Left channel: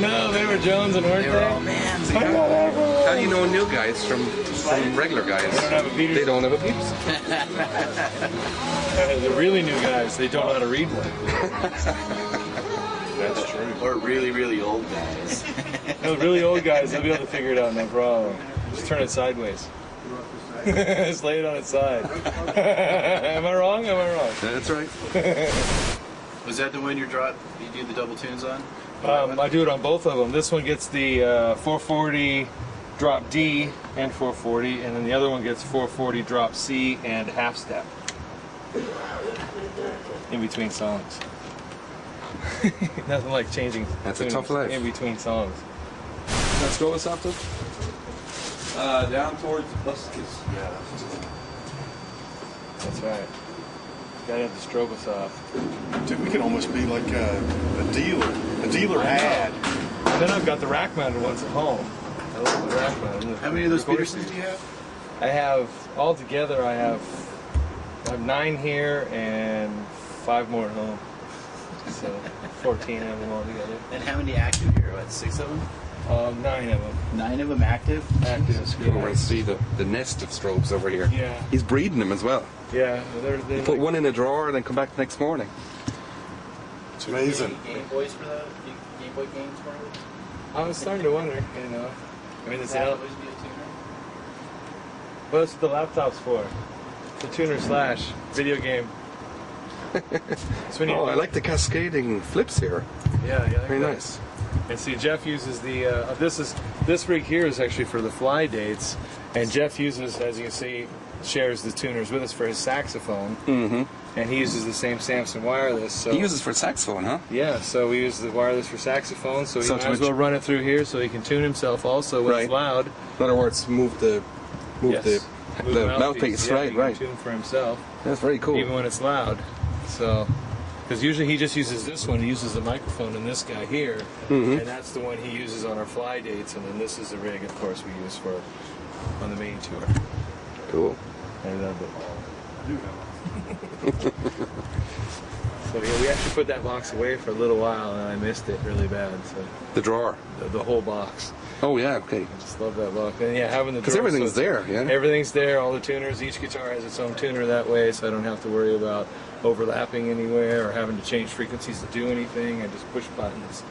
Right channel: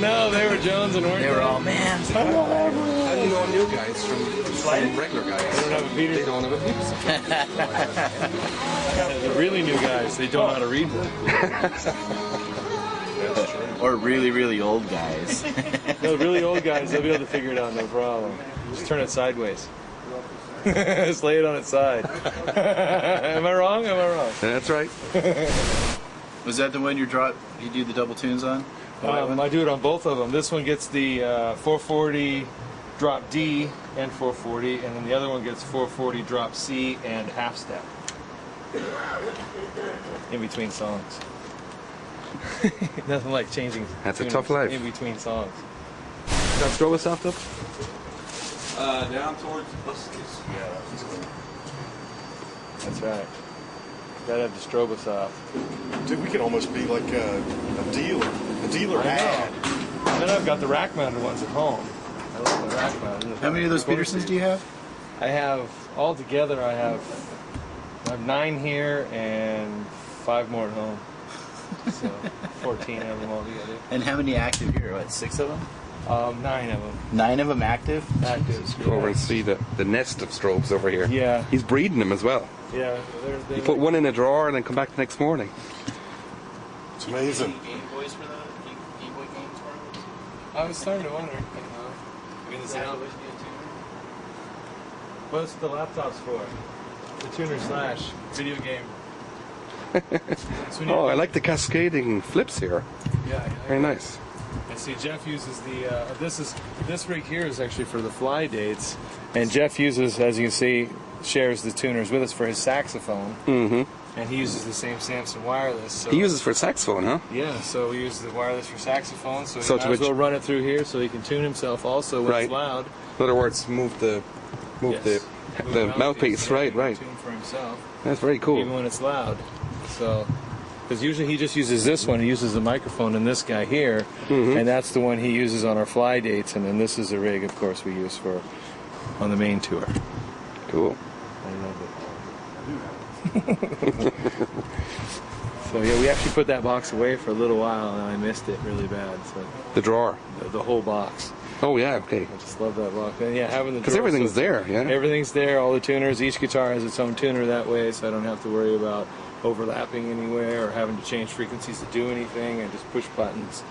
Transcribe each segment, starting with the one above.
No, they were Jonesing, weren't they? How do you know new guys from regular guys? They don't have a Peterson. They don't have a Peterson. The really new guys, they don't know how to read one. That's true. Or really, really old guys. No, the really old guys, they'll be able to figure it out, no problem. Just turn it sideways. Just lay it on its side. Am I wrong? Am I wrong? That's right. Was that the one you do your double tunes on? I do it on both of them. This one gets the 440 drop D and 440, and then the other one gets 440 drop C and half step in between songs. Nothing like changing tunings in between songs. That strobe soft up? Down towards buses. Yeah. That's right. Gotta have the strobe soft. Dude, we can almost be like a dealer. A dealer ad. And then I've got the rack mounted ones at home. I love my rack mounted. How many of those Petersons do you have? I have, altogether, I have 9 here and 5 more at home. So 14 of them all together. And how many active here? About 6 of them? 9 of them. 9 of them active? Active, yeah. Oh, you see the nest of strobes over here. Yeah. He's breeding them as well. Yeah. Well, You put one in a drawer and then come back the next morning. It's Any amazing. Game Boys for the Game Boy games for it? I was starting to wonder, you know. I mean, it's out. What's the laptop's for? The tuner slash video game. So when you I like the cascading flips here. Yeah, Very nice. And see, Jeff uses the this rig here is actually for the fly dates, and Jeff uses, as you see, shares the tuners with us for his saxophone, and he uses the same Samson wireless. So He uses for saxophone, huh? yeah, so we use the wireless for saxophone, so he So might to as well run it through here, so he can tune himself also when it's loud. In other words, move the Yes. the mouthpiece. Yeah, Right, he can right. tune for himself, That's very cool. even when it's loud. So, because usually he just uses this one. He uses the microphone in this guy here, and that's the one he uses on our fly dates. And then this is the rig, of course, we use for on the main tour. Cool. I love it. So yeah, we actually put that box away for a little while, and I missed it really bad. So, The drawer. the whole box. Oh yeah, okay. Just love that box. And yeah, having the Because everything's there, yeah. Everything's there, all the tuners. Each guitar has its own tuner that way, so I don't have to worry about overlapping anywhere or having to change frequencies to do anything. I just push buttons.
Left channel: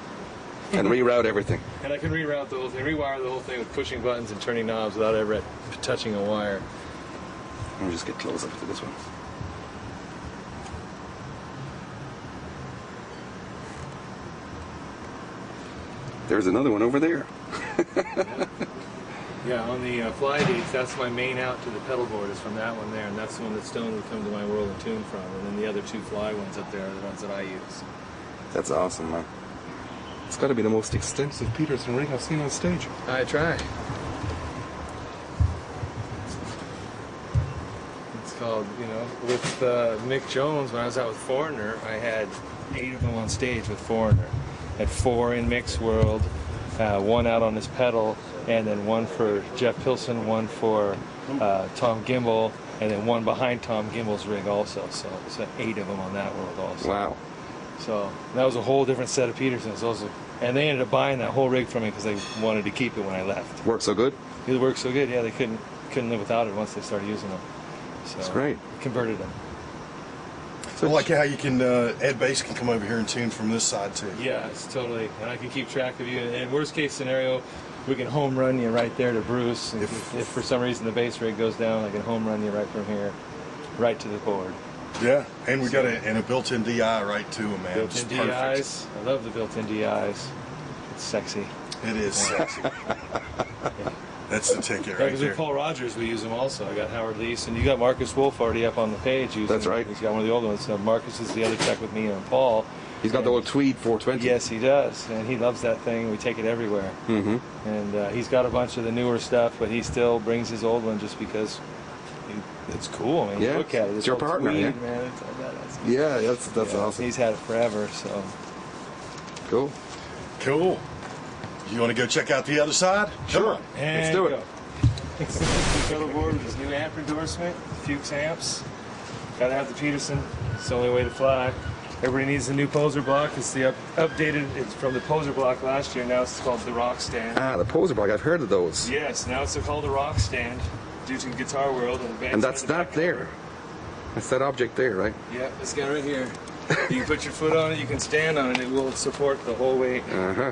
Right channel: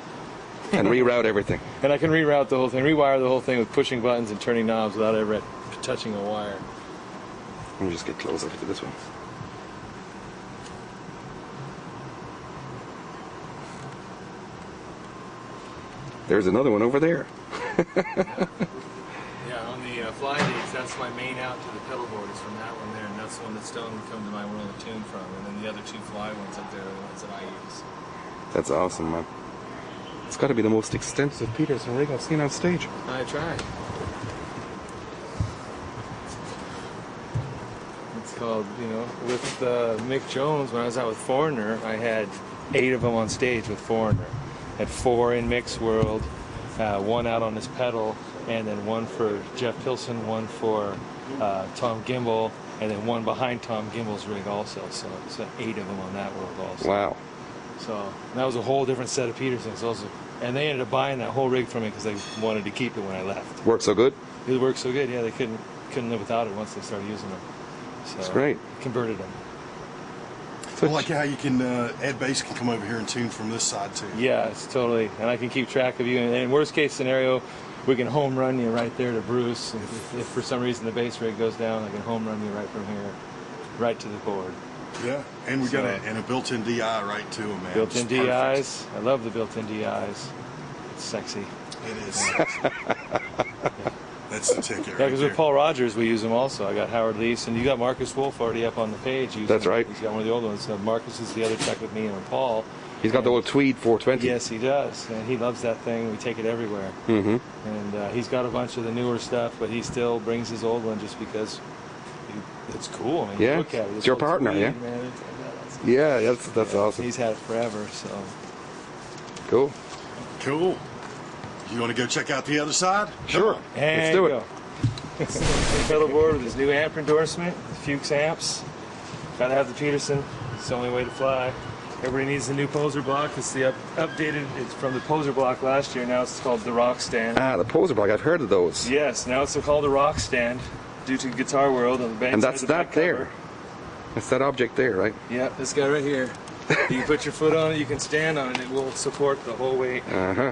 And reroute everything. And I can reroute the whole thing, rewire the whole thing with pushing buttons and turning knobs without ever touching a wire. Let me just get closer to this one. There's another one over there. Yeah, on the fly dates, that's my main out to the pedal board is from that one there, and that's the one that Stone would come to my world and tune from. And then the other 2 fly ones up there are the ones that I use. That's awesome, man. It's got to be the most extensive Peterson rig I've seen on stage. I try. It's called, with Mick Jones, when I was out with Foreigner, I had 8 of them on stage with Foreigner. Had 4 in Mick's world, 1 out on his pedal, and then 1 for Jeff Pilson, 1 for Tom Gimbel, and then 1 behind Tom Gimbel's rig also. So 8 of them on that world also. Wow. So that was a whole different set of Petersons. Also, and they ended up buying that whole rig from me because they wanted to keep it when I left. Works so good? It worked so good, yeah. They couldn't live without it once they started using them. So That's great. Converted them. I like how you can, Ed Bass can come over here and tune from this side too. Yeah, it's totally, and I can keep track of you. And in worst case scenario, we can home run you right there to Bruce. And if for some reason the bass rig goes down, I can home run you right from here, right to the board. Yeah, and we got a built-in DI right to them, man. Built-in It's perfect. DIs. I love the built-in DIs. It's sexy. It is sexy. That's the ticket Yeah, right because there. with Paul Rogers, we use them also. I got Howard Leese, and you got Marcus Wolf already up on the page. Using, That's right. He's got one of the old ones. So Marcus is the other tech with me and Paul. He's got the old Tweed 420. Yes, he does, and he loves that thing. We take it everywhere. And he's got a bunch of the newer stuff, but he still brings his old one just because it's cool. I mean, Yeah, look at it. it's your old partner, Tweed, yeah. man. It's badass. Yeah, that's awesome. He's had it forever, so. Cool. Cool. You want to go check out the other side? Come on. And do it. go. Pedal board with his new amp endorsement, Fuchs amps. Gotta have the Peterson. It's the only way to fly. Everybody needs the new poser block. It's the updated. It's from the poser block last year. Now it's called the rock stand. Ah, the poser block. I've heard of those. Yes, now it's called the rock stand due to Guitar World and the band And side that's of the that back cover. there. It's that object there, right? Yeah, this guy right here. You can put your foot on it. You can stand on it. It will support the whole weight. Uh-huh.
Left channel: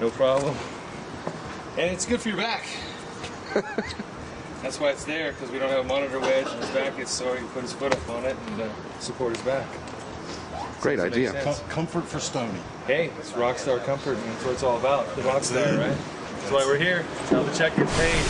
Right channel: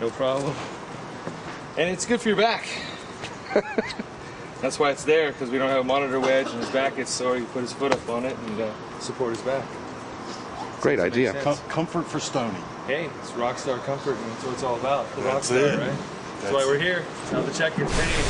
No problem. And it's good for your back. That's why it's there, because we don't have a monitor wedge in his back. It's so he can put his foot up on it and support his back. Great Does it make idea. sense? Comfort for Stony. Hey, it's Rockstar Comfort, and that's what it's all about. The That's Rockstar, it. right? That's why we're here. Now the check gets paid.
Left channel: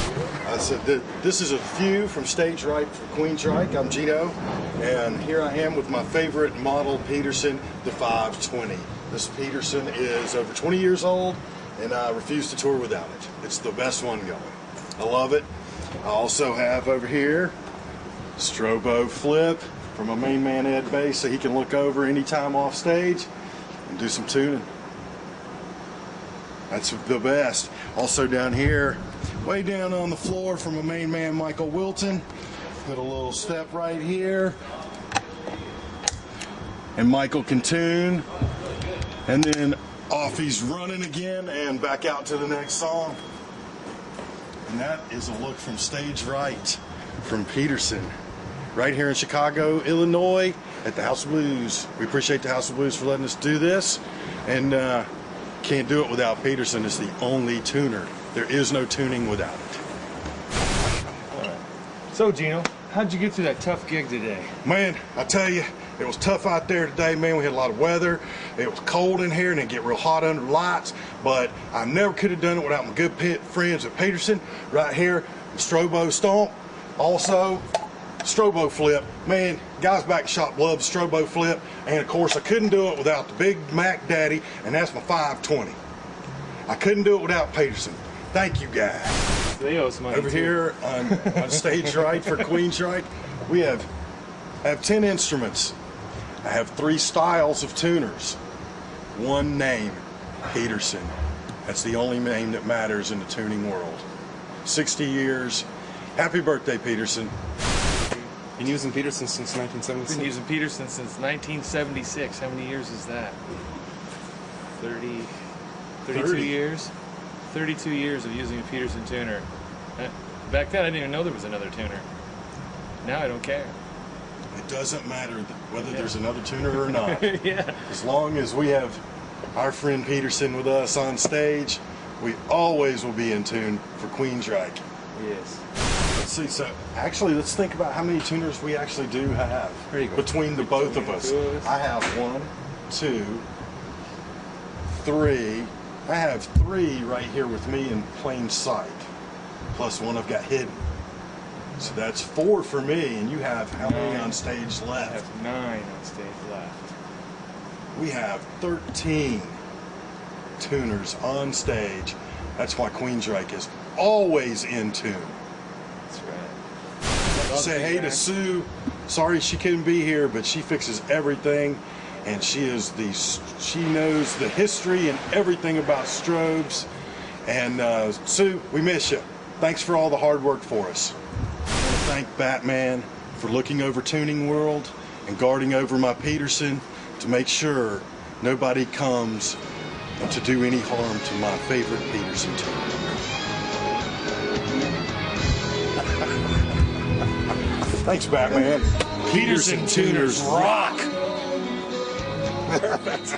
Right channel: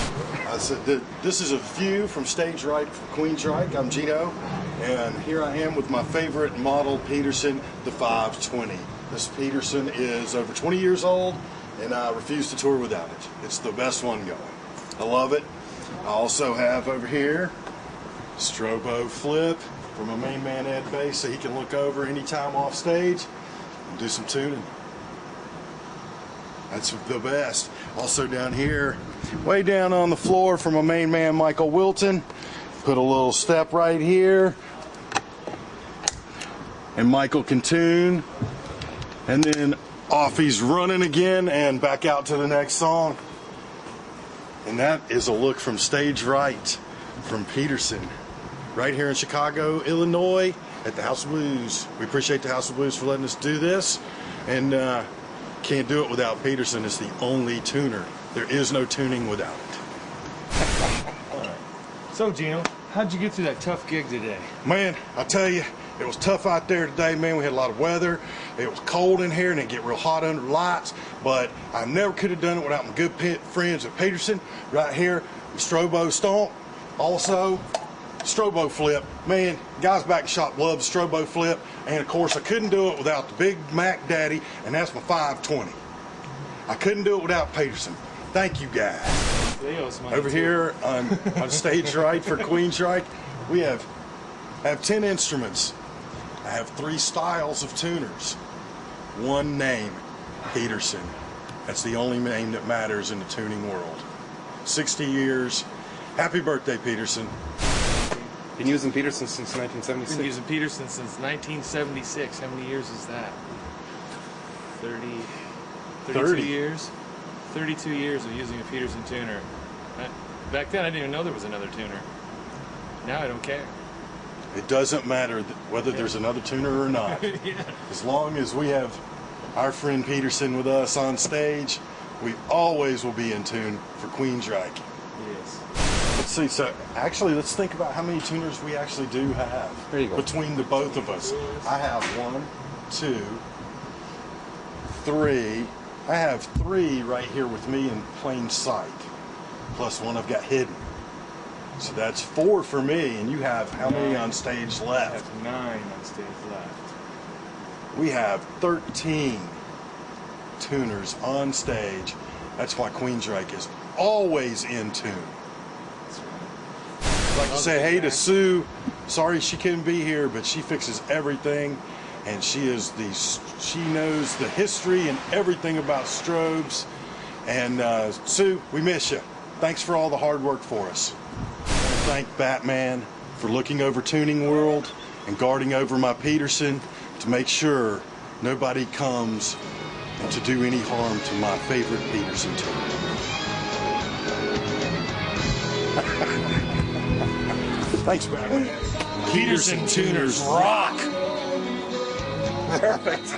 I said this is a view from Stage Right for Queensryche. I'm Geno, and here I am with my favorite model Peterson, the 520. This Peterson is over 20 years old, and I refuse to tour without it. It's the best one going. I love it. I also have over here strobo flip for my main man Ed Bass, so he can look over anytime off stage and do some tuning. That's the best. Also down here, way down on the floor for my main man Michael Wilton, put a little step right here, and Michael can tune, and then off he's running again and back out to the next song. And that is a look from Stage Right from Peterson, right here in Chicago, Illinois, at the House of Blues. We appreciate the House of Blues for letting us do this, and can't do it without Peterson. It's the only tuner. There is no tuning without it. All right. So, Geno, how'd you get through that tough gig today? Man, I tell you, it was tough out there today, man. We had a lot of weather. It was cold in here and it get real hot under the lights, but I never could have done it without my good friends at Peterson right here. The Strobo Stomp, also Strobo Flip. Man, guys back in shop love the Strobo Flip, and of course I couldn't do it without the Big Mac Daddy, and that's my 520. I couldn't do it without Peterson. Thank you guys. They owe us money Over too. here on Stage Right for Queensryche, we have 10 instruments. I have 3 styles of tuners. One name, Peterson. That's the only name that matters in the tuning world. 60 years. Happy birthday, Peterson. Been using Peterson since Been 1976. using Peterson since 1976. How many years is that? 32 30. years? 32 years of using a Peterson tuner. Back then, I didn't even know there was another tuner. Now I don't care. It doesn't matter whether there's another tuner or not. Yeah. As long as we have our friend Peterson with us on stage, we always will be in tune for Queensryche. Yes. Let's see, so actually let's think about how many tuners we actually do have There you go. between the both of us. I have 1, 2, 3. I have 3 right here with me in plain sight, plus one I've got hidden. So that's 4 for me, and you have how many on stage I left? have 9 on stage left. We have 13 tuners on stage. That's why Queensryche is always in tune. That's right. I'd like to say hey to Sue. Sorry she couldn't be here, but she fixes everything, and she knows the history and everything about strobes. And Sue, we miss you. Thanks for all the hard work for us. I want to thank Batman for looking over Tuning World and guarding over my Peterson to make sure nobody comes to do any harm to my favorite Peterson tuner. Thanks, Batman. Peterson tuners rock. Perfect.